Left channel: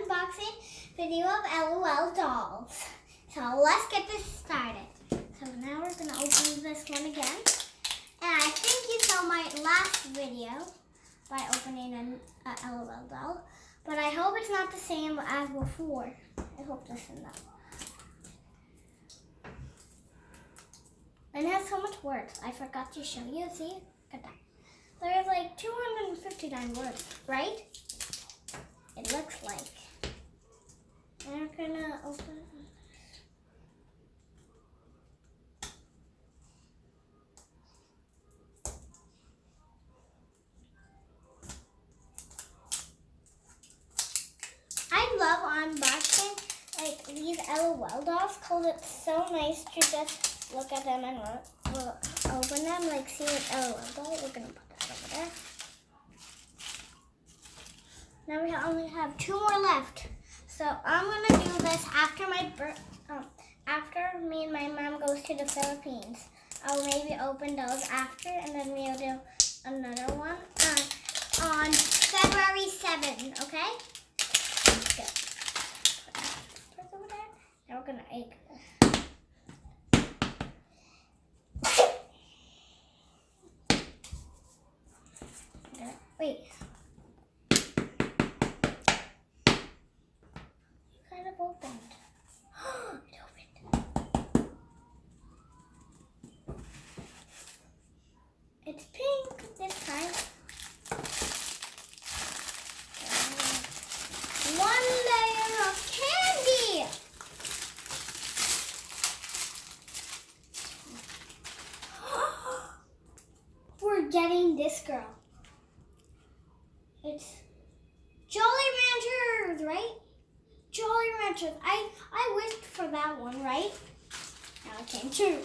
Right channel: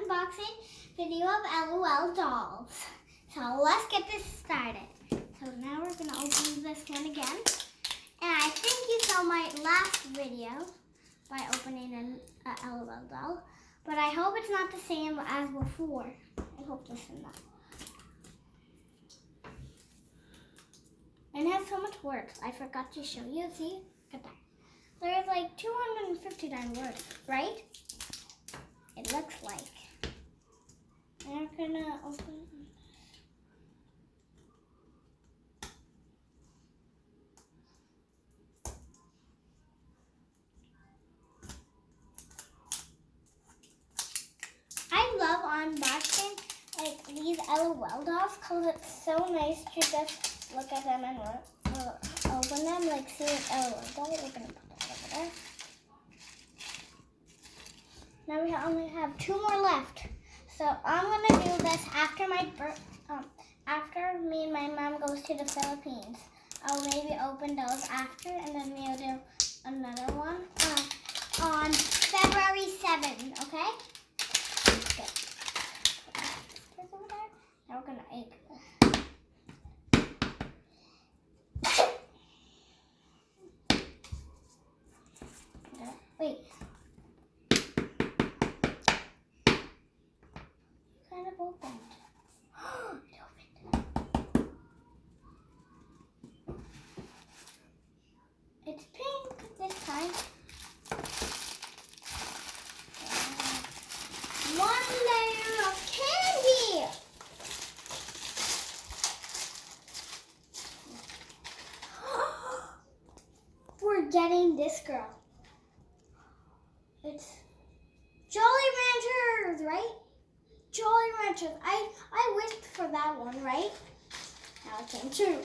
unboxing video of LOL dolls. So let's get this started. So now we're going to open this one again. And I think you saw my last video by opening a LOL doll. But I hope it's not the same as before. I hope this is not. And it has so much words. I forgot to show you. See? Look at that. There's like 259 words, right? It looks like. And we're gonna open it. I love unboxing like these LOL dolls because it's so nice to just look at them and open them. Like see an LOL doll. We're gonna put that over there. Now we only have 2 more left. So I'm gonna do this after after me and my mom goes to the Philippines. I'll maybe open those after, and then we'll do another one on February 7th. Okay? Good. Put that over there. Now we're gonna egg. Wait. Kind of opened. It opened. It's pink this time. One layer of candy. We're getting this girl. It's Jolly Ranchers, right? Jolly Ranchers. I wished for that one, right? Now it came true.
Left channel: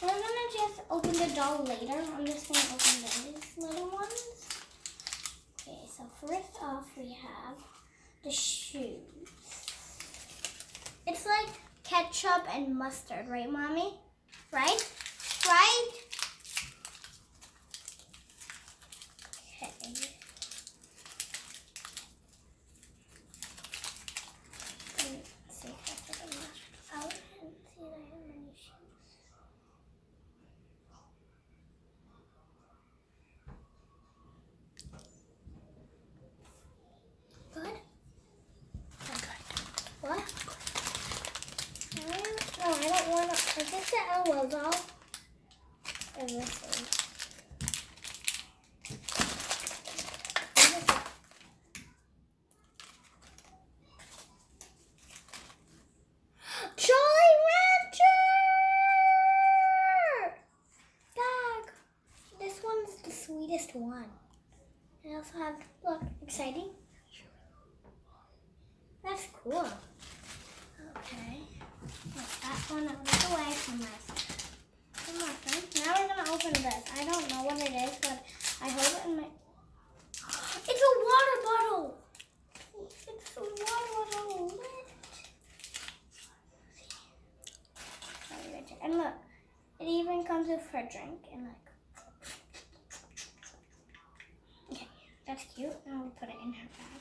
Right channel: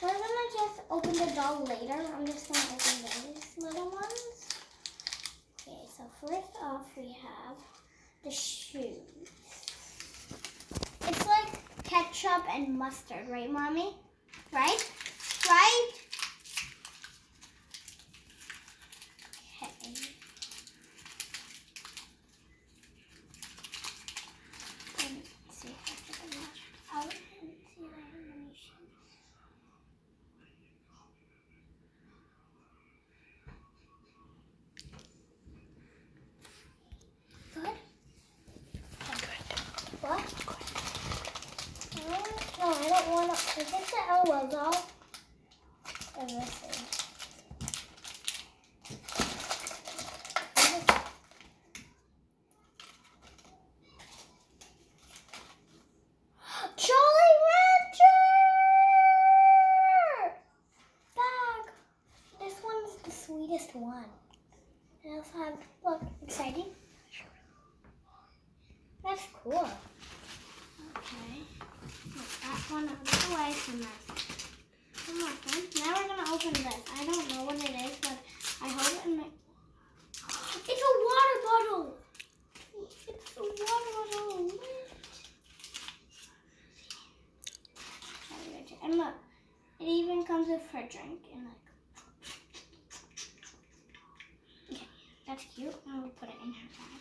So I'm gonna just open the doll later. I'm just gonna open those little ones. Okay, so first off we have the shoes. It's like ketchup and mustard, right, Mommy? Right? Right? Okay. Let's see if I can wash out and see if I have any shoes. Good? Good. What? No, I don't want to. Is this the LOL doll? Or this thing? Jolly Rancher bag. This one's the sweetest one. I also have, look, exciting. That's cool. Okay. Put that one out of the way from this. Come on, friend. Now we're going to open this. I don't know what it is, but I hope it might. It's a water bottle. It's a water bottle. And look, it even comes with her drink. And like, okay, that's cute. And we'll put it in her bag.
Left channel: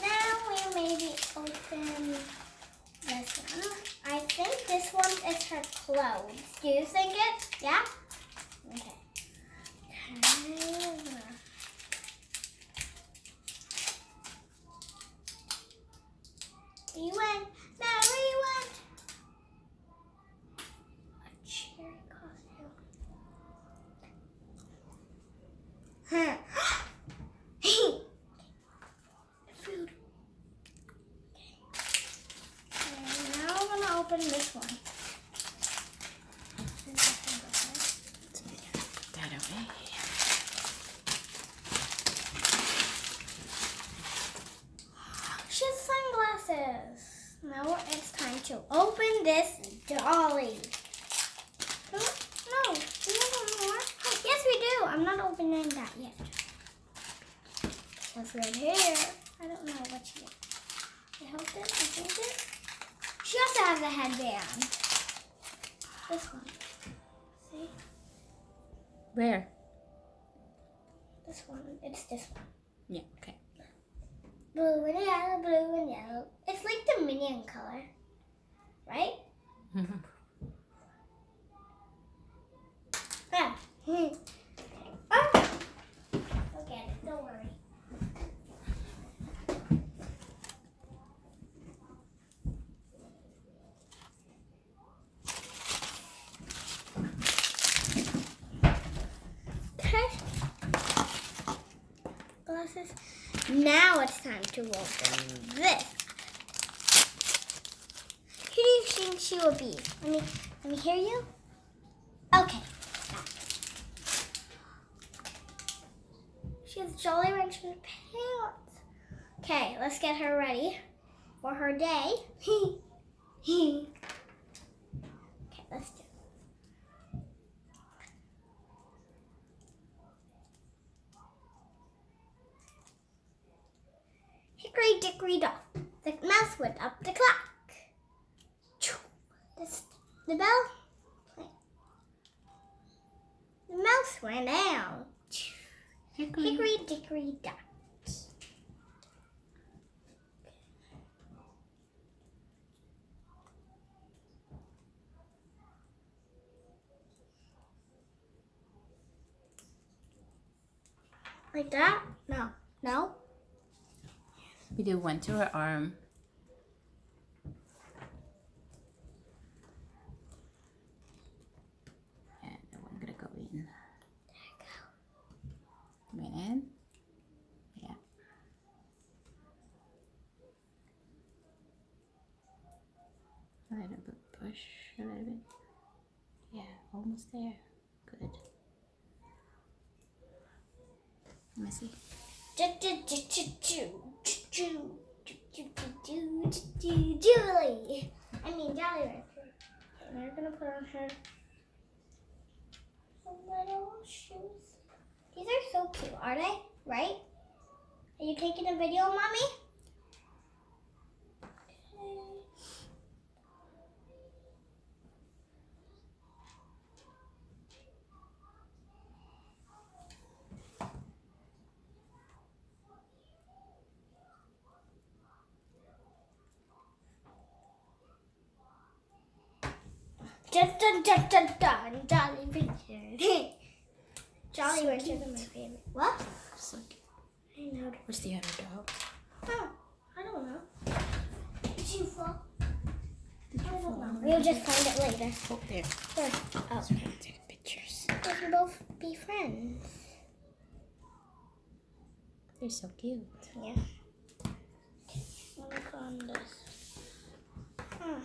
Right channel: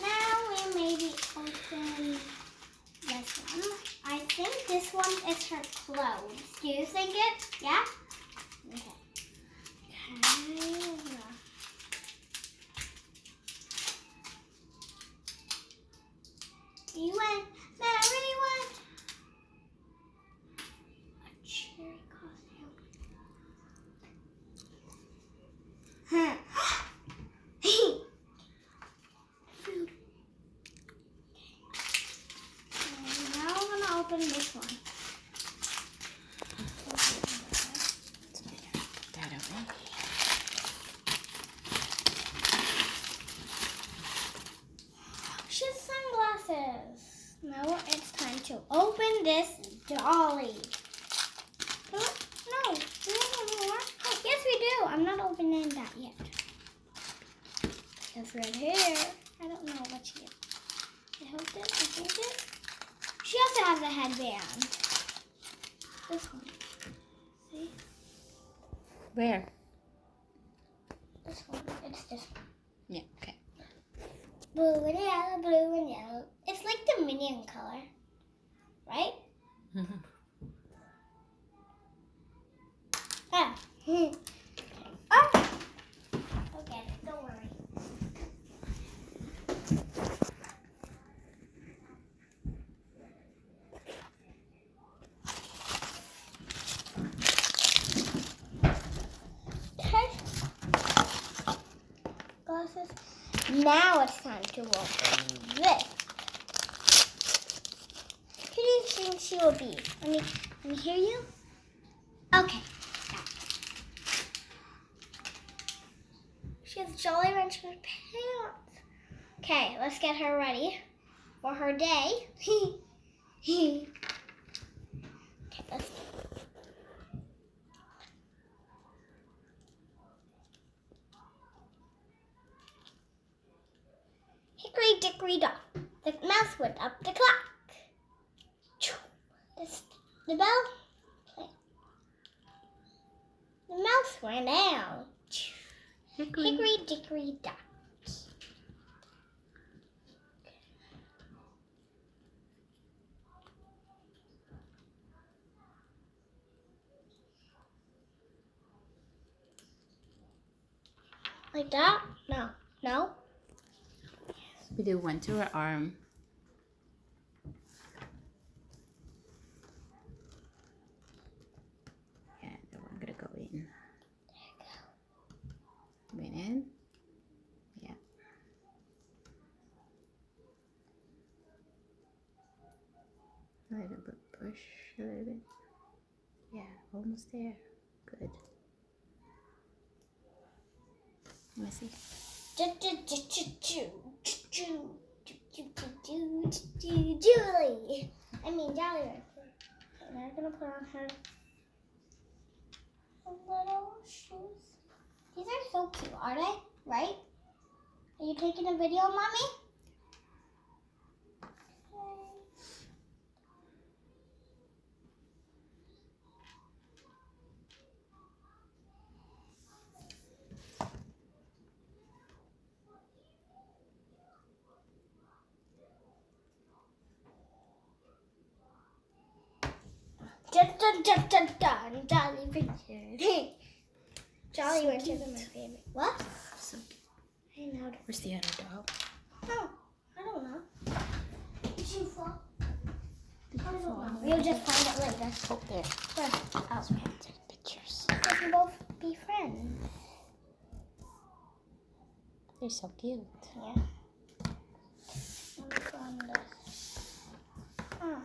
Now we'll maybe open this one. I think this one is her clothes. Do you think it? Yeah? Okay. You went. Mary went. A cherry costume. Food. Okay. Now we're gonna open this one. Put that away. She has sunglasses. Now it's time to open this dolly. Oh, no, do we have more? Oh, yes, we do. I'm not opening that yet. Just right here. I don't know what she is. I hope it. I think it. She also has a headband. This one. See? Where? This one. It's this one. Yeah, okay. Blue and yellow, blue and yellow. It's like the minion color, right? Ah. Oh. I'll get it. Don't worry. Okay. Glasses. Now it's time to open this. Who do you think she will be? Let me hear you. Okay. She has Jolly Rancher pants. Okay, let's get her ready for her day. Okay, let's. Hickory dickory dock, the mouse went up the clock. The bell. The mouse ran down. Hickory dickory dock. Like that? No. No? We do one to her arm. And then we're gonna go in. Went in. Yeah. A little bit push, a little bit. Yeah, almost there. Good. Let me see. Julie. I mean Jolly Rancher. Okay, now we're gonna put on her little shoes. These are so cute, are they? Right? Are you taking a video, Mommy? Dun, dun, dun, dun, Jolly Rancher. Jolly Ranchers are my favorite. What? So cute. I know. Where's the other dog? Oh, I don't know. Did you fall? Did I you don't fall? know. We'll just find it later. Oh, there. Good. Oh, Take pictures. we can both be friends. They're so cute. Yeah. Let me put on this. Oh.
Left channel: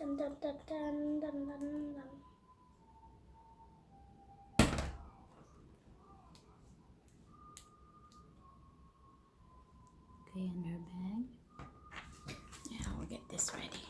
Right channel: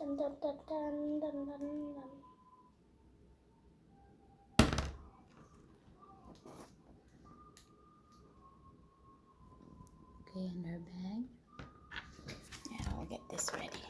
Dun, dun, dun, dun, dun, dun, dun. Okay, in her bag. Now we'll get this ready.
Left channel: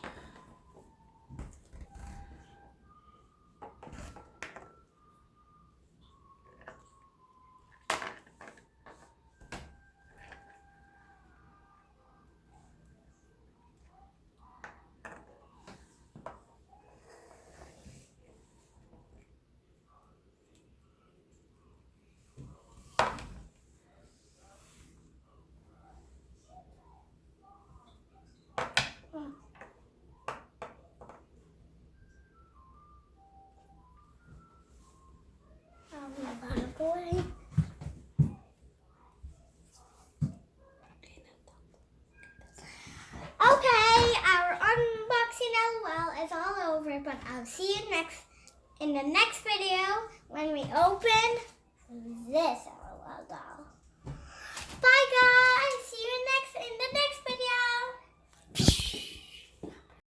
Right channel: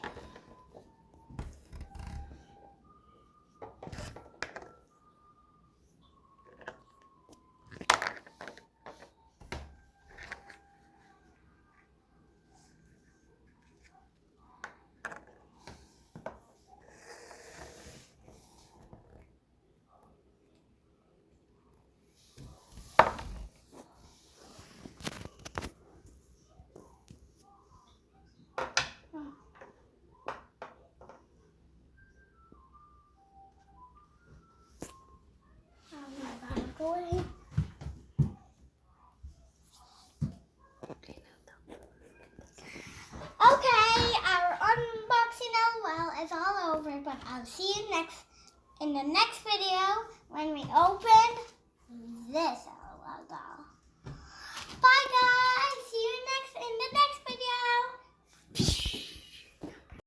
you know, well, it's all over, but I'll see you in the next video when we open this up.